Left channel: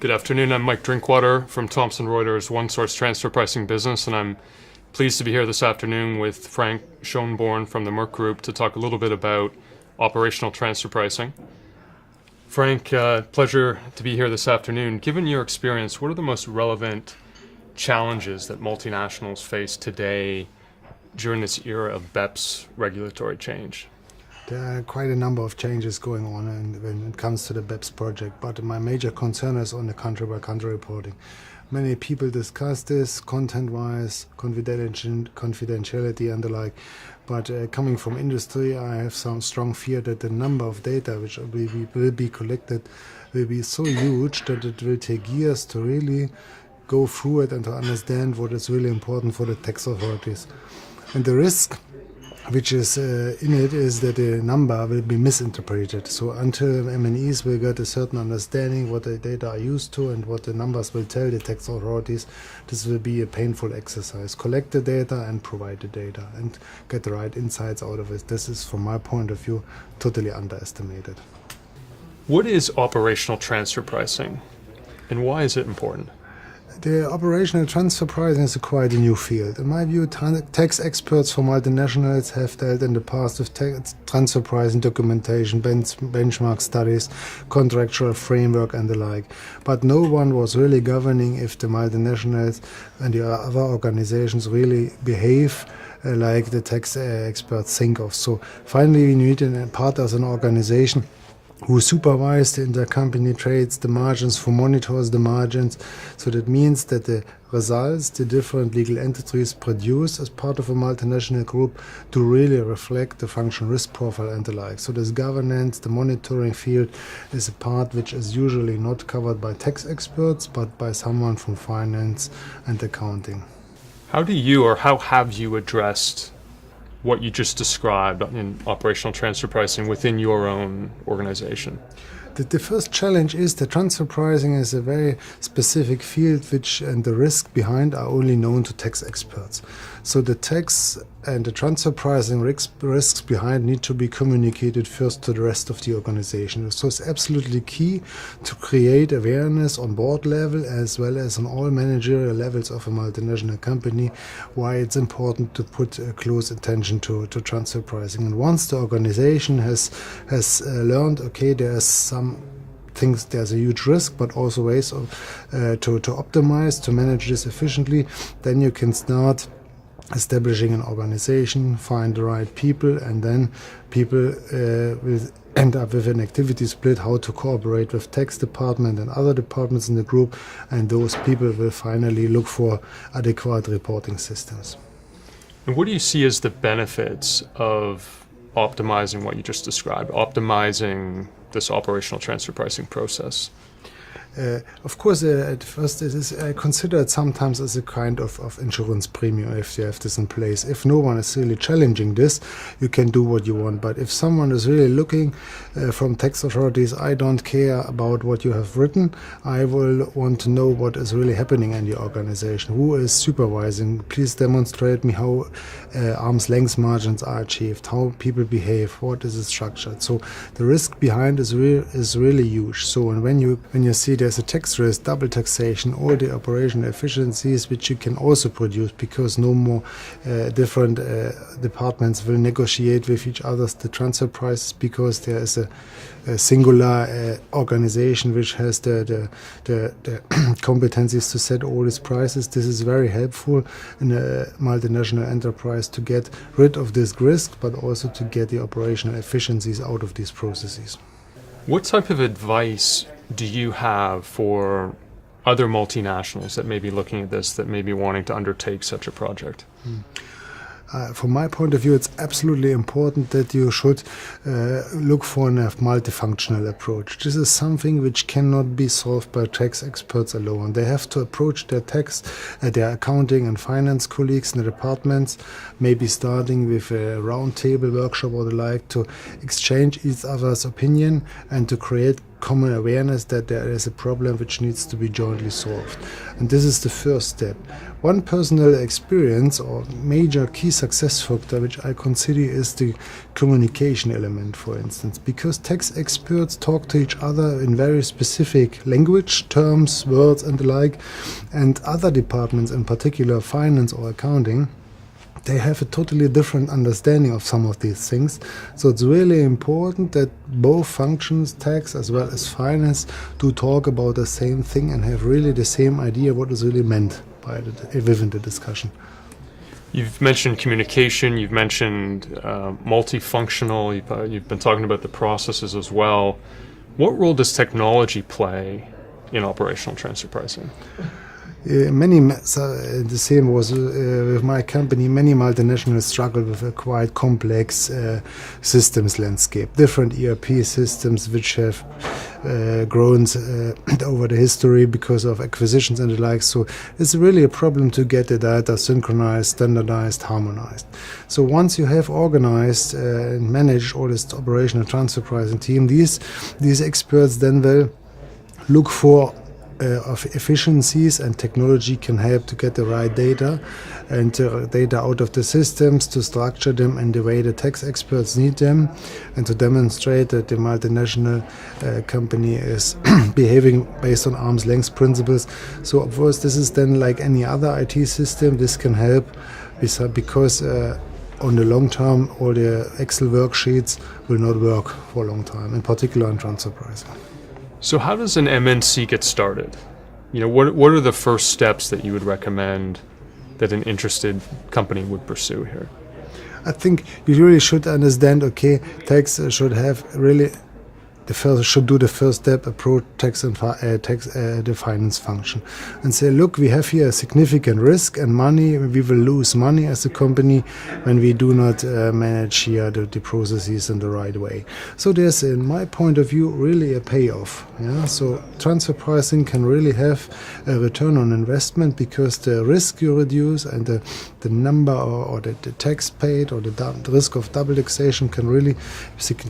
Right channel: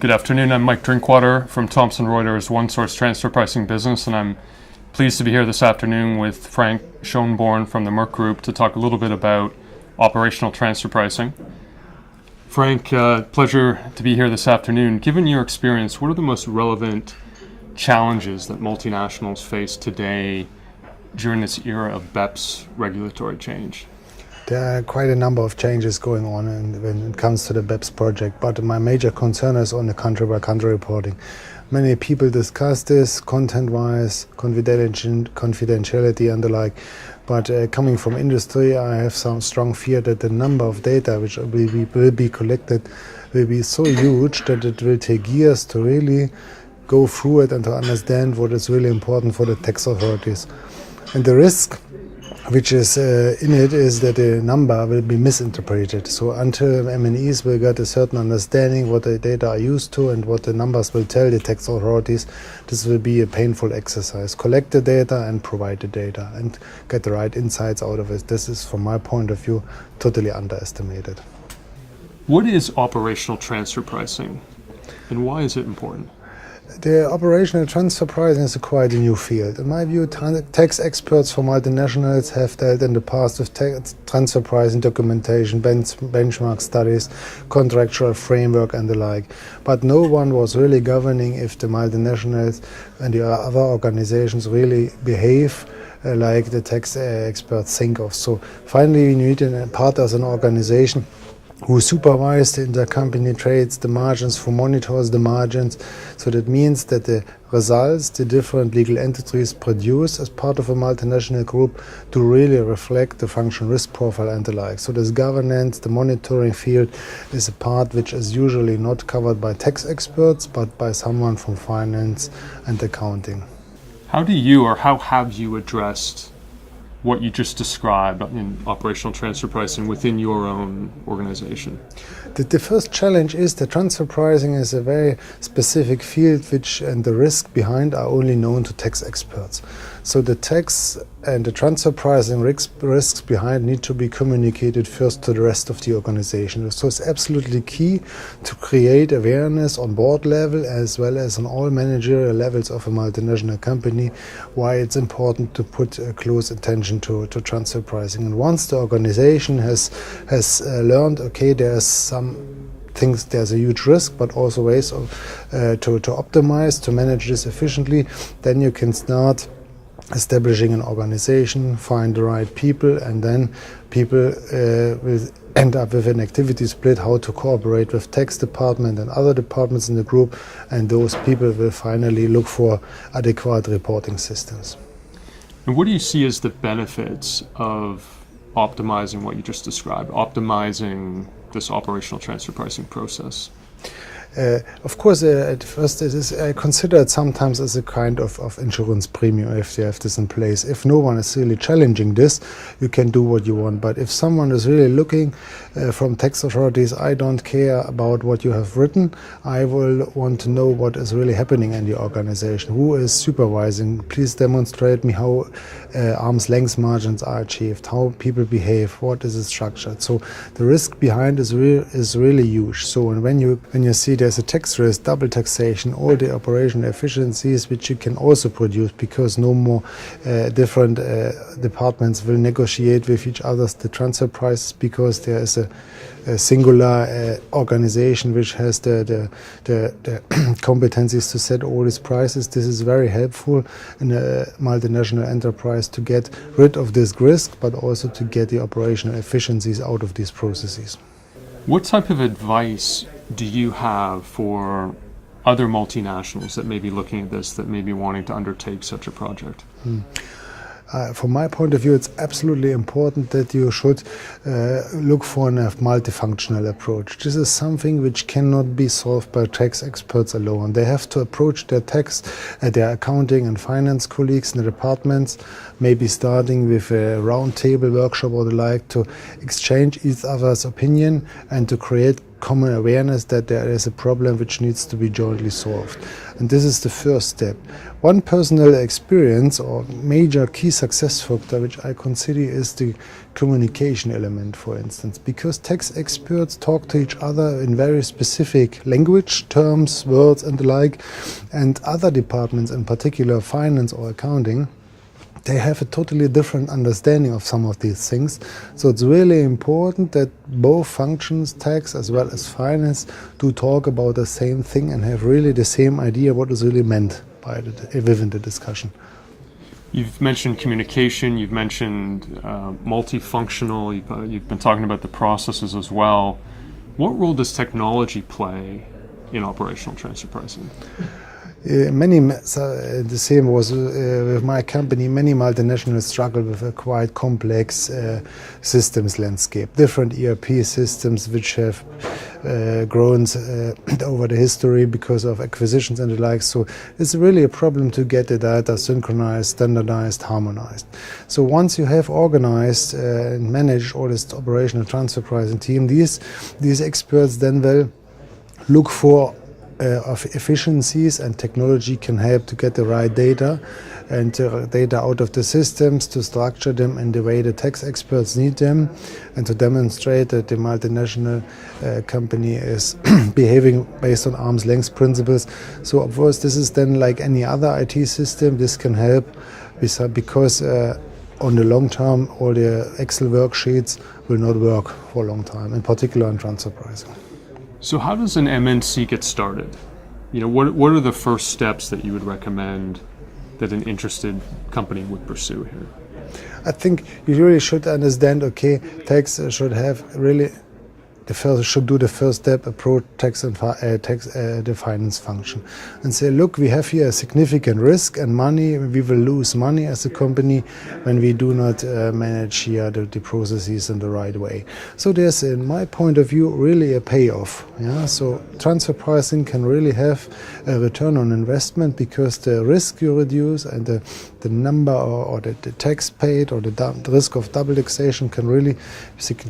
Good afternoon. I'm Mike Drinkwater from Thomson Reuters OneSource Transfer Pricing Business, and I'm pleased to be here this afternoon with Frank Schoeneborn from the Merck Group to talk a little bit about operational transfer pricing. Frank, pleasure to be here this afternoon. Given your experience, what are the most relevant challenges that multinationals face today during this era of BEPS regulatory change? There are quite a number of changes going on when it comes to the BEPS project, but my major concern is on the country-by-country reporting. Many people discuss this content-wise, confidentiality and the like, but coming from industry, I have some strong fear that the number of data which will be collected will be so huge that it will take years to really go through it and to understand what is really important for the tax authorities. And the risk which is in it is that the number will be misinterpreted. So until MNEs will get a certain understanding what the data are used to and what the numbers will tell the tax authorities, this will be a painful exercise. Collect the data and provide the data and get the right insights out of it. This is, from my point of view, totally underestimated. What is operational transfer pricing, and why is it important? The operational transfer pricing is quite a new field. In my view, tax experts for multinationals have dealt in the past with transfer pricing documentation, benchmark studies, contractual framework and the like. But no one was really governing if the multinationals and the other organizations really behave like the tax experts think of. So finally we need a part as an organization who supervised the intercompany trades, the margins, who monitors the margins. So that means that the results the different legal entities produce as part of a multinational group to really reflect the functional risk profile and the like. So this governance, the monitoring field is a part which is usually not covered by tax experts, but by someone from finance and accounting. How have you addressed what you just described in operational transfer pricing within your own organization? The first challenge is that transfer pricing is a very specific field and the risk behind are only known to tax experts. So the tax and the transfer pricing risks behind need to be communicated first to the rest of the organization. So it's absolutely key to create awareness on board level as well as on all managerial levels of a multinational company why it's important to put close attention to transfer pricing. And once the organization has learned, okay, there's some things, there's a huge risk, but also ways to optimize, to manage this efficiently, then you can start establishing an organization, find the right people, and then people will end up with an activity split, how to cooperate with tax department and other departments in the group, and those people will finally look for adequate reporting systems. And what do you see as the benefits of optimizing what you just described, optimizing this operational transfer pricing process? Of course, at first it is considered sometimes as a kind of insurance premium if you have this in place. If no one is really challenging this, you can do what you want. But if someone is really looking from tax authorities, I don't care about what you have written, I will want to know what is really happening in the organization. Who is supervising? Please demonstrate me how arm's length margins are achieved, how people behave, what is it structured. So the risk behind is really huge. So when you see there's a tax risk, double taxation, all the operational efficiencies which you can also produce because no more different departments will negotiate with each other the transfer prices because there is a singular organization which has the competencies to set all these prices. This is very helpful in a multinational enterprise to get rid of this risk, but also to get the operational efficiencies out of these processes. What type of advice do you have for other multinationals that may be looking at this, that may be wanting to undertake such a project? From my point of view, it's absolutely important that you should look for a multifunctional approach. This is something which cannot be solved by tax experts alone. They have to approach their tax, their accounting and finance colleagues in the departments, maybe starting with a roundtable workshop or the like, to exchange each other's opinion and to create common awareness that there is a problem which needs to be jointly solved. And this is the first step. One personal experience or major key success factor which I consider is the communication element, for instance, because tax experts talk to each other in very specific language, terms, words and the like, and other departments, in particular finance or accounting, they have a totally different understanding of some of these things. So it's really important that both functions, tax as well as finance, do talk about the same thing and have really the same idea what is really meant by within the discussion. You've mentioned communication, you've mentioned multifunctional, you've been talking about the processes as well. What role does technology play in operational transfer pricing? The same was with my company. Many multinationals struggle with a quite complex systems landscape. Different ERP systems which have grown over the history because of acquisitions and the like. So it's really a problem to get the data synchronized, standardized, harmonized. So once you have organized and managed all this operational transfer pricing team, these experts then will look for of efficiencies, and technology can help to get the right data and data out of the systems, to structure them in the way the tax experts need them, and to demonstrate that the multinational company is behaving based on arm's length principles. So of course this is then like any other IT system. This can help because on the long term all the Excel worksheets will not work for a long time, in particular in transfer pricing. So how does an MNC get started? You know, what are the first steps that you would recommend that an interested company would pursue here? I think you really should understand, okay, tax should have really should do the first step, approach tax and the finance function, and say, look, we have here a significant risk and money. We will lose money as a company when we do not manage here the processes in the right way. So there's, in my point of view, really a payoff. Yeah. So transfer pricing can really have a return on investment because the risk you reduce and the number or the tax paid or the risk of double taxation can really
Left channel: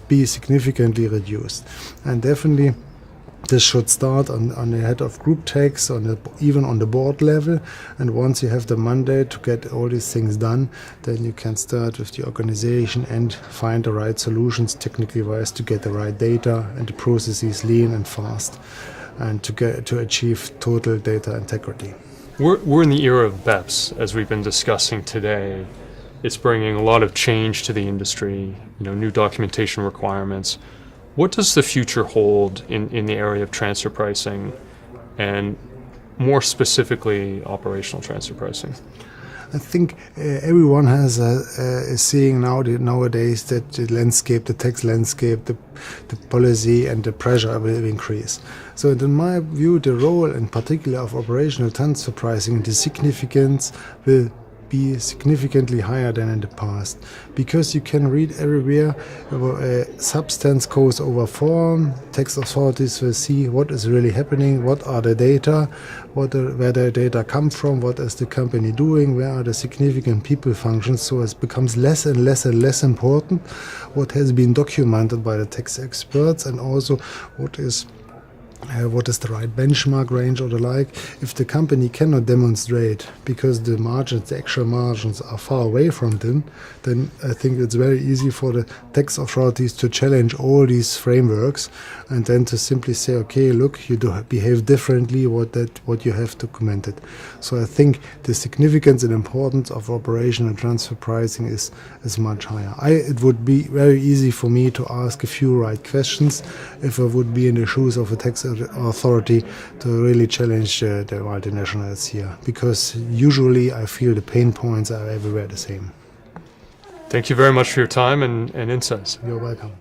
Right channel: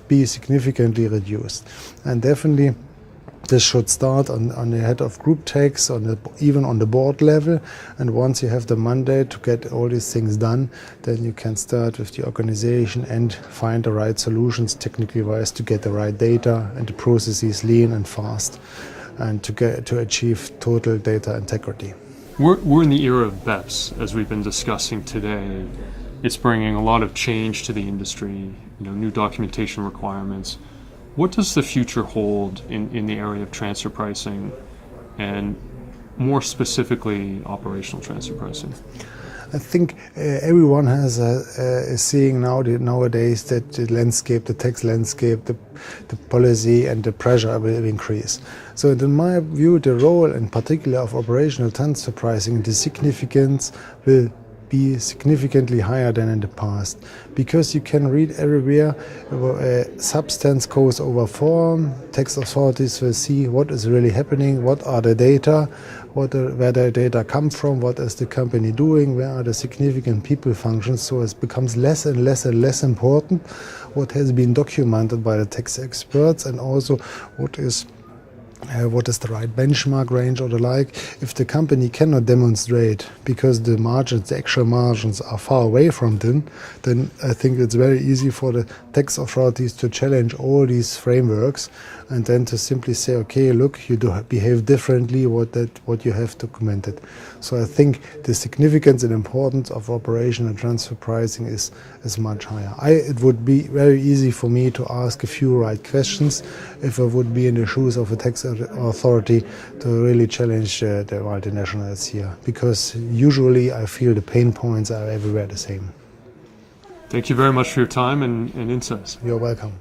be significantly reduced. And definitely this should start on the head of group tax, even on the board level. And once you have the mandate to get all these things done, then you can start with the organization and find the right solutions technically wise to get the right data and the processes lean and fast, and to achieve total data integrity. We're in the era of BEPS, as we've been discussing today. It's bringing a lot of change to the industry, new documentation requirements. What does the future hold in the area of transfer pricing, and more specifically operational transfer pricing? I think everyone is seeing nowadays that the tax landscape, the policy and the pressure will increase. So in my view, the role in particular of operational transfer pricing, the significance will be significantly higher than in the past, because you can read everywhere substance goes over form. Tax authorities will see what is really happening, what are the data, where the data come from, what is the company doing, where are the significant people functions. So it becomes less and less and less important what has been documented by the tax experts, and also what is the right benchmark range or the like. If the company cannot demonstrate, because the actual margins are far away from them, then I think it's very easy for the tax authorities to challenge all these frameworks, and then to simply say, okay, look, you do behave differently what you have documented. So I think the significance and importance of operational transfer pricing is much higher. It would be very easy for me to ask a few right questions if I would be in the shoes of a tax authority to really challenge the multinationals here, because usually I feel the pain points are everywhere the same. Thank you very much for your time and insights. You're welcome.